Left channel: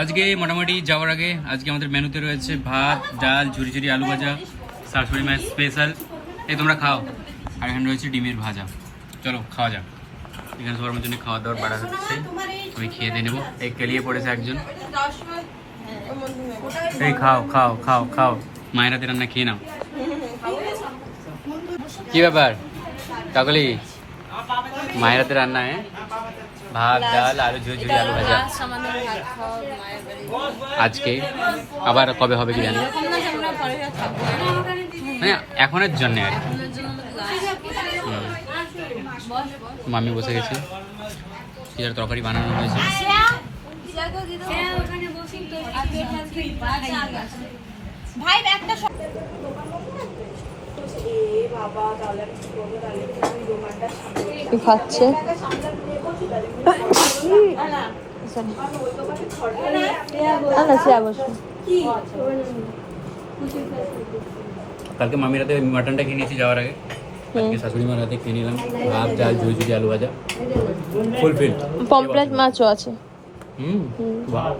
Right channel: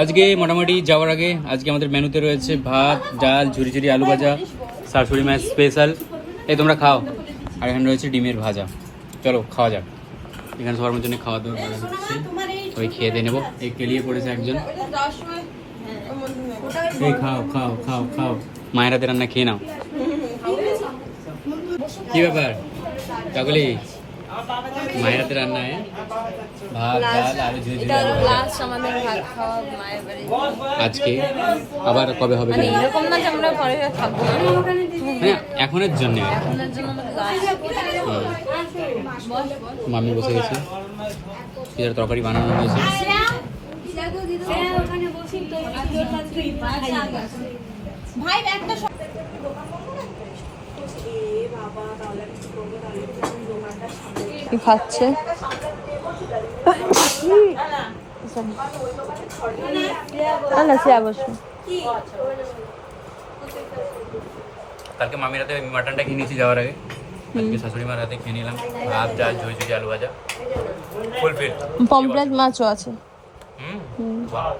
আজকে মোটামুটি যাওয়ার আগে আজকে আমাদের মেনুতে রয়েছে ভাত, ডাল, ঝুরি ঝুরি আলু ভাজা, শাশুড়ি মায়ের স্পেশাল। এই তোমরা খাও। আর এখানে রয়েছে ডিমের ভাজা। চলো খাওয়া যাক। এখানে সবার মধ্যে খাওয়া দাওয়ার বাড়া হচ্ছে, ওই খেয়ে দিয়ে নেবো। এই কেলিয়ে পড়েছে একজন। এই খাও খাও খাও খাও, মায়ের হাতে রান্না খেয়ে নাও। কি ব্যাপার কাকলি, মায়ের হাতে রান্না? ভাত, ডাল, আলু ঝুরি ঝুরি আলু ভাজা। আজকে আবার কবে হবে কি জানি, মানে এখনের জন্য। মামি বসে গেছে, এটার তরকারি বানানো হয়েছে। খাচ্ছে কালকে মামির হাতে মাটনটা খেয়ে নিয়েছি যাওয়ার আগে, আজকে শাশুড়ি মার হাতে খেয়ে নিলাম ভাত, ডাল, ঝুরি ঝুরি আলু ভাজা। ফুলফিল। পমফ্রেট মাছও আছে। বাহ।